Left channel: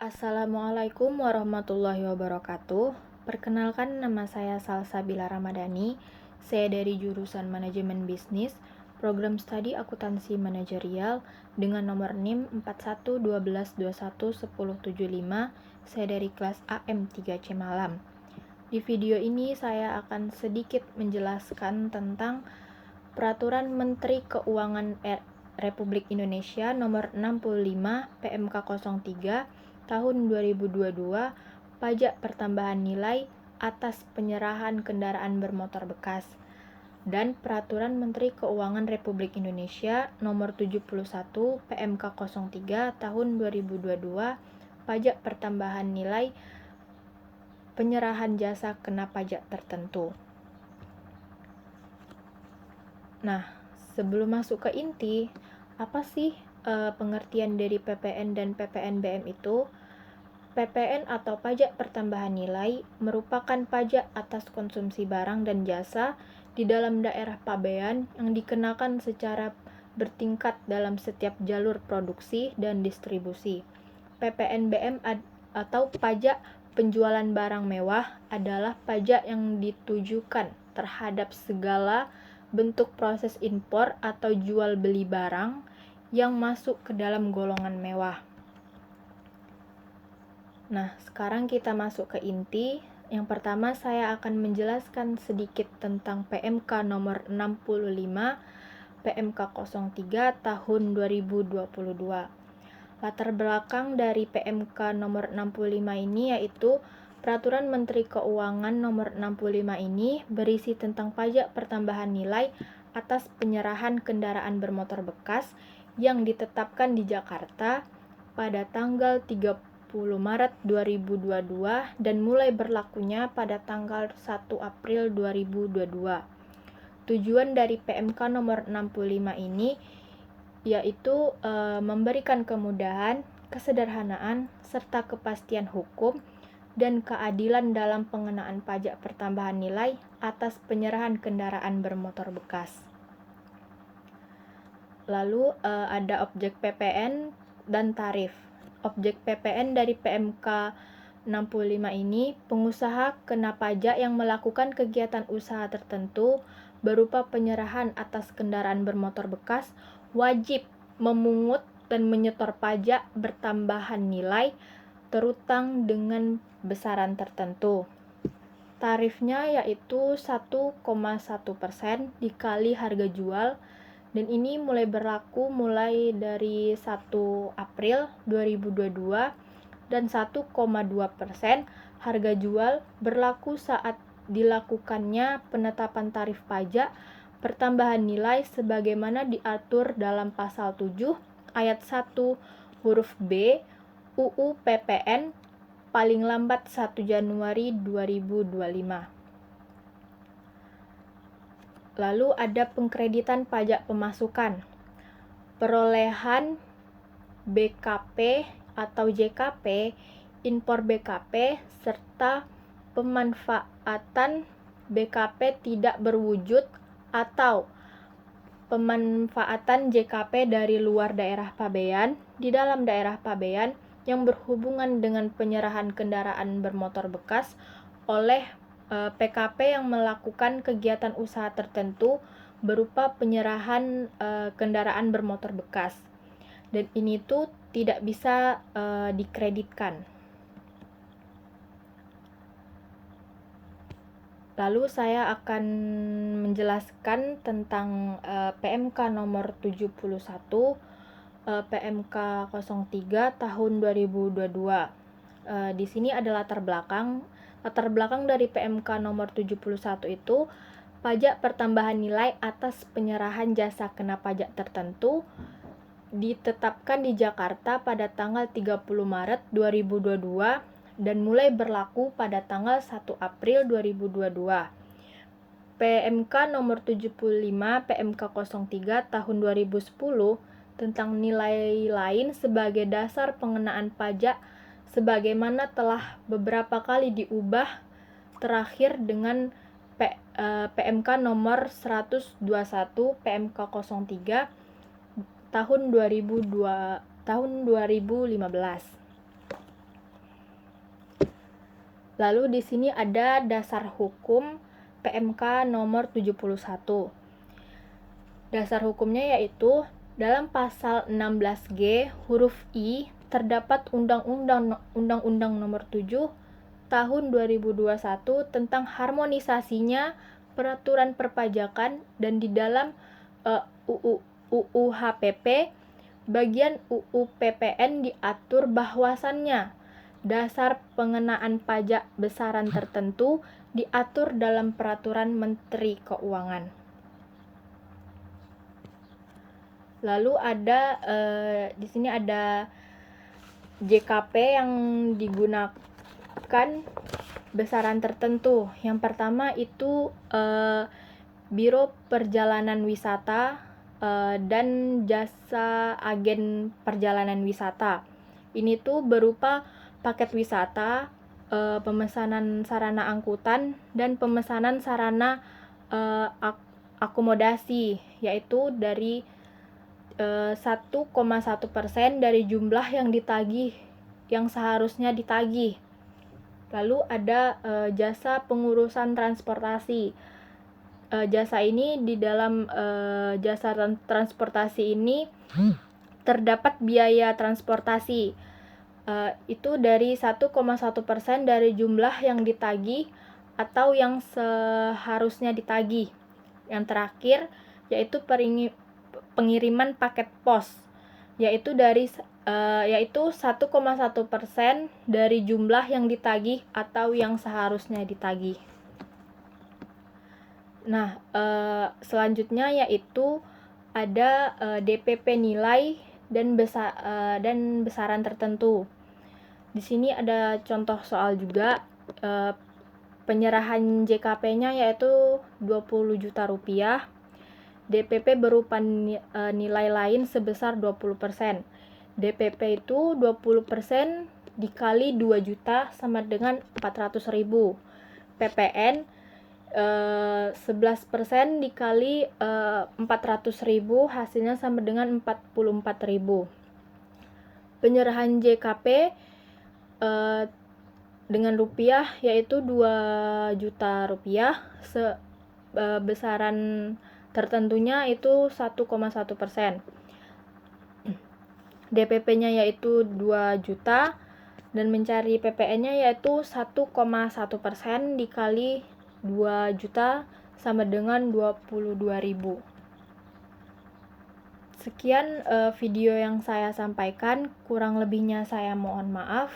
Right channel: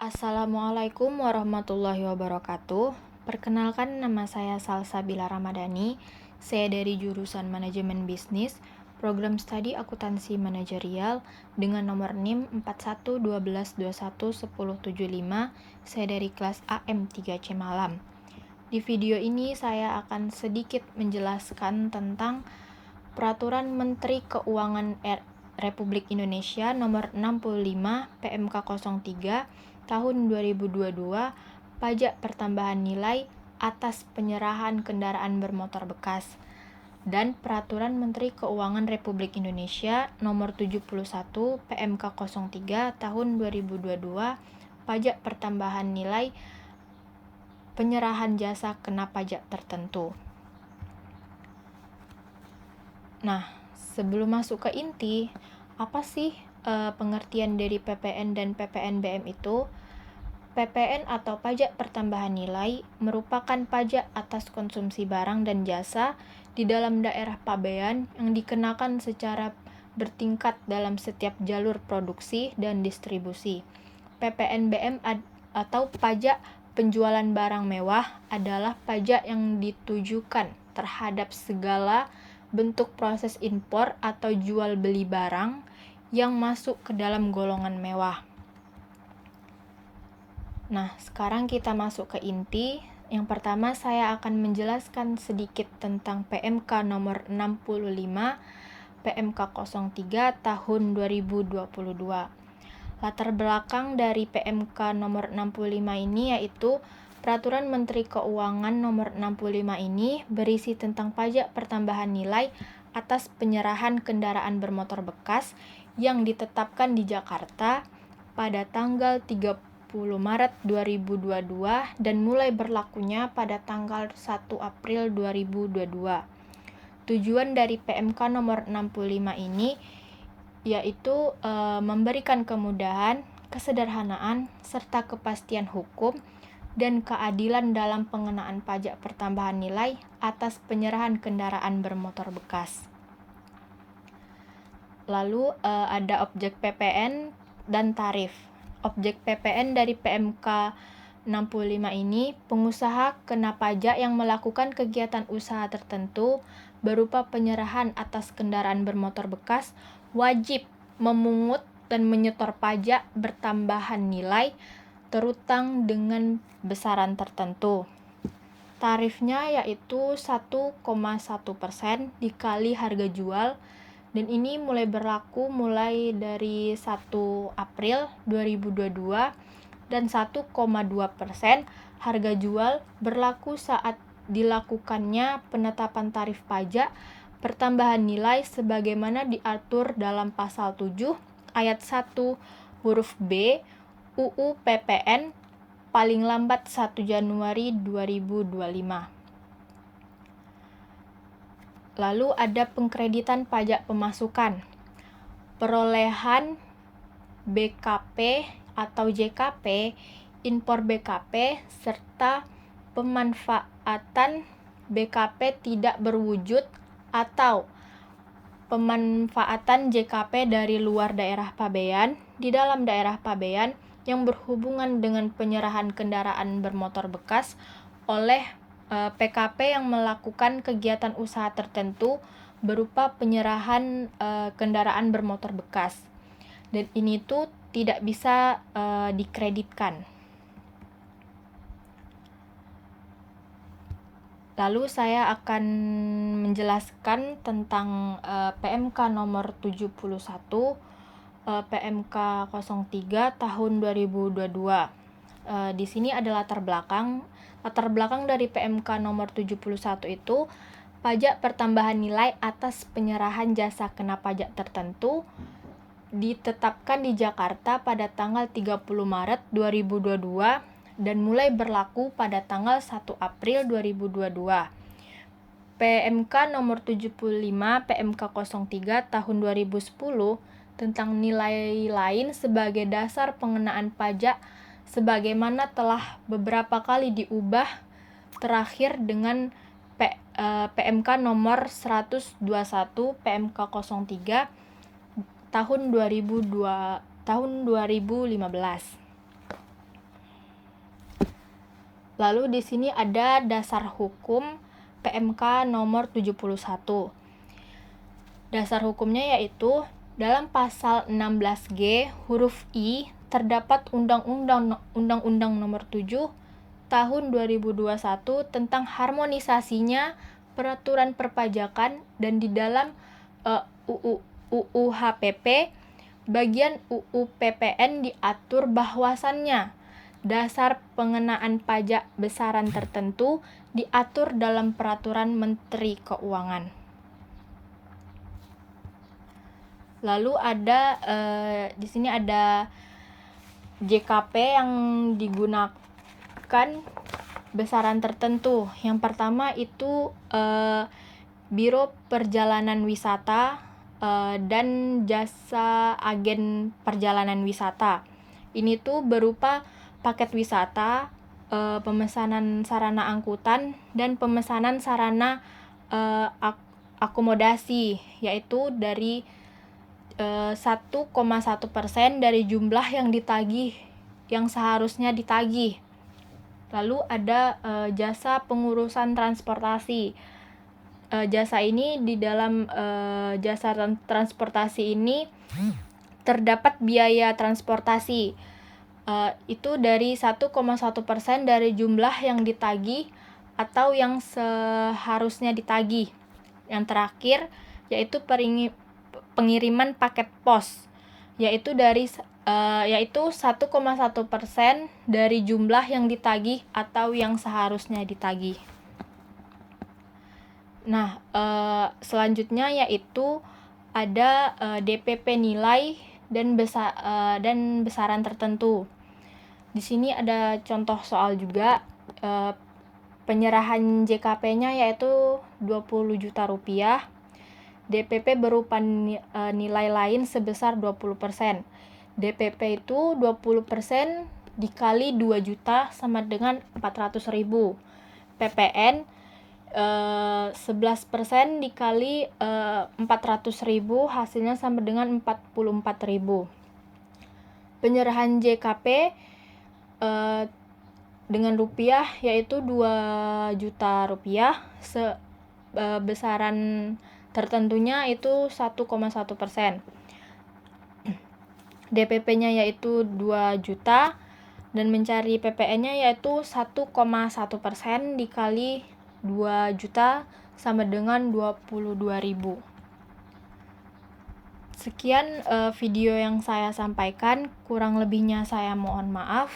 Assalamualaikum warahmatullahi wabarakatuh. Perkenalkan, nama saya Salsabila Ramadhani. Saya dari jurusan Manajemen Bisnis, Program Studi Akuntansi Manajerial dengan nomor NIM 4112211075. Saya dari kelas AM3C Malam. Di video ini saya akan sedikit menjelaskan tentang Peraturan Menteri Keuangan Republik Indonesia Nomor 65 PMK 03 Tahun 2022 Pajak Pertambahan Nilai atas penyerahan kendaraan bermotor bekas, dan Peraturan Menteri Keuangan Republik Indonesia Nomor 71 PMK 03 Tahun 2022 Pajak Pertambahan Nilai penyerahan jasa kena pajak tertentu. Nah, sebelum masuk ke inti, apa sih pengertian dari PPN dan PPNBM itu? PPN atau pajak pertambahan nilai merupakan pajak atas konsumsi barang dan jasa di dalam daerah pabean yang dikenakan secara bertingkat dalam setiap jalur produksi dan distribusi. PPNBM atau pajak penjualan barang mewah adalah pajak yang ditujukan terhadap segala bentuk proses impor atau jual beli barang yang masuk ke dalam golongan mewah. Nah, sekarang kita masuk ke inti. Yang pertama, saya akan menjelaskan sedikit tentang PMK nomor 65 PMK 03 tahun 2022. Latar belakang dari PMK nomor 65 ini yaitu Peraturan Menteri Keuangan nomor 65 ini berisi tentang pajak pertambahan nilai atas penyerahan kendaraan bermotor bekas yang ditetapkan di Jakarta pada tanggal 30 Maret 2022 dan mulai berlakunya pada tanggal 1 April 2022. Tujuan dari PMK nomor 65 ini yaitu memberikan kemudahan, kesederhanaan, serta kepastian hukum dan keadilan dalam pengenaan pajak pertambahan nilai atas penyerahan kendaraan bermotor bekas. Lalu ada objek PPN dan tarif. Objek PPN dari PMK 65 ini, pengusaha kena pajak yang melakukan kegiatan usaha tertentu berupa penyerahan atas kendaraan bermotor bekas wajib memungut dan menyetor pajak bertambahan nilai terutang dengan besaran tertentu. Tarifnya yaitu 1,1% dikali harga jual, dan ini mulai berlaku mulai dari 1 April 2022, dan 1,2% harga jual berlaku saat dilakukannya penetapan tarif pajak pertambahan nilai sebagaimana diatur dalam pasal 7 ayat 1 huruf B UU PPN paling lambat 1 Januari 2025. Lalu ada pengkreditan pajak pemasukan, perolehan BKP atau JKP, impor BKP, serta pemanfaatan BKP tidak berwujud atau pemanfaatan JKP dari luar daerah pabean di dalam daerah pabean yang berhubungan dengan penyerahan kendaraan bermotor bekas oleh PKP yang melakukan kegiatan usaha tertentu berupa penyerahan kendaraan bermotor bekas, dan ini tuh tidak bisa dikreditkan. Lalu saya akan menjelaskan tentang PMK nomor 71 PMK 03 tahun 2022. Di sini ada latar belakang. Latar belakang dari PMK nomor 71 itu pajak pertambahan nilai atas penyerahan jasa kena pajak tertentu ditetapkan di Jakarta pada tanggal 30 Maret 2022 dan mulai berlaku pada tanggal 1 April 2022. PMK nomor 75 PMK 03 tahun 2010 tentang nilai lain sebagai dasar pengenaan pajak sebagaimana telah beberapa kali diubah, terakhir dengan PMK nomor 121 PMK 03 tahun 2015. Lalu di sini ada dasar hukum PMK nomor 71. Dasar hukumnya yaitu dalam pasal 16G huruf I terdapat Undang-Undang Nomor 7 Tahun 2021 tentang harmonisasinya peraturan perpajakan, dan di dalam UU HPP bagian UU PPN diatur bahwasannya dasar pengenaan pajak besaran tertentu diatur dalam peraturan Menteri Keuangan. Lalu ada di sini ada JKP yang digunakan besaran tertentu. Yang pertama itu Biro Perjalanan Wisata dan jasa agen perjalanan wisata. Ini tuh berupa paket wisata, pemesanan sarana angkutan, dan pemesanan sarana akomodasi, yaitu dari 1,1% dari jumlah yang ditagih, yang seharusnya ditagih. Lalu ada jasa pengurusan transportasi. Jasa ini di dalam jasa transportasi ini terdapat biaya transportasi. Itu dari 1,1% dari jumlah yang ditagih atau yang seharusnya ditagih. Yang terakhir yaitu pengiriman paket pos, yaitu 1,1% dari jumlah yang ditagih atau yang seharusnya ditagih. Nah, selanjutnya yaitu ada DPP nilai dan besaran tertentu. Di sini ada contoh soal juga. Penyerahan JKP-nya yaitu 20 juta rupiah. DPP berupa nilai lain sebesar 20%. DPP itu 20% dikali 2 juta sama dengan 400.000. PPN 11% dikali 400.000 hasilnya sama dengan 44.000. Penyerahan JKP dengan rupiah yaitu 2 juta rupiah. Besaran tertentunya itu 1,1%. DPP-nya yaitu 2 juta dan mencari PPN-nya yaitu 1,1% dikali 2 juta sama dengan 22.000. Sekian video yang saya sampaikan, kurang lebihnya saya mohon maaf.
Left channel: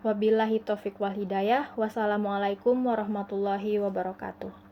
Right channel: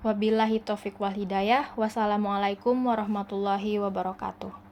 Wabillahi taufiq wal hidayah. Wassalamualaikum warahmatullahi wabarakatuh.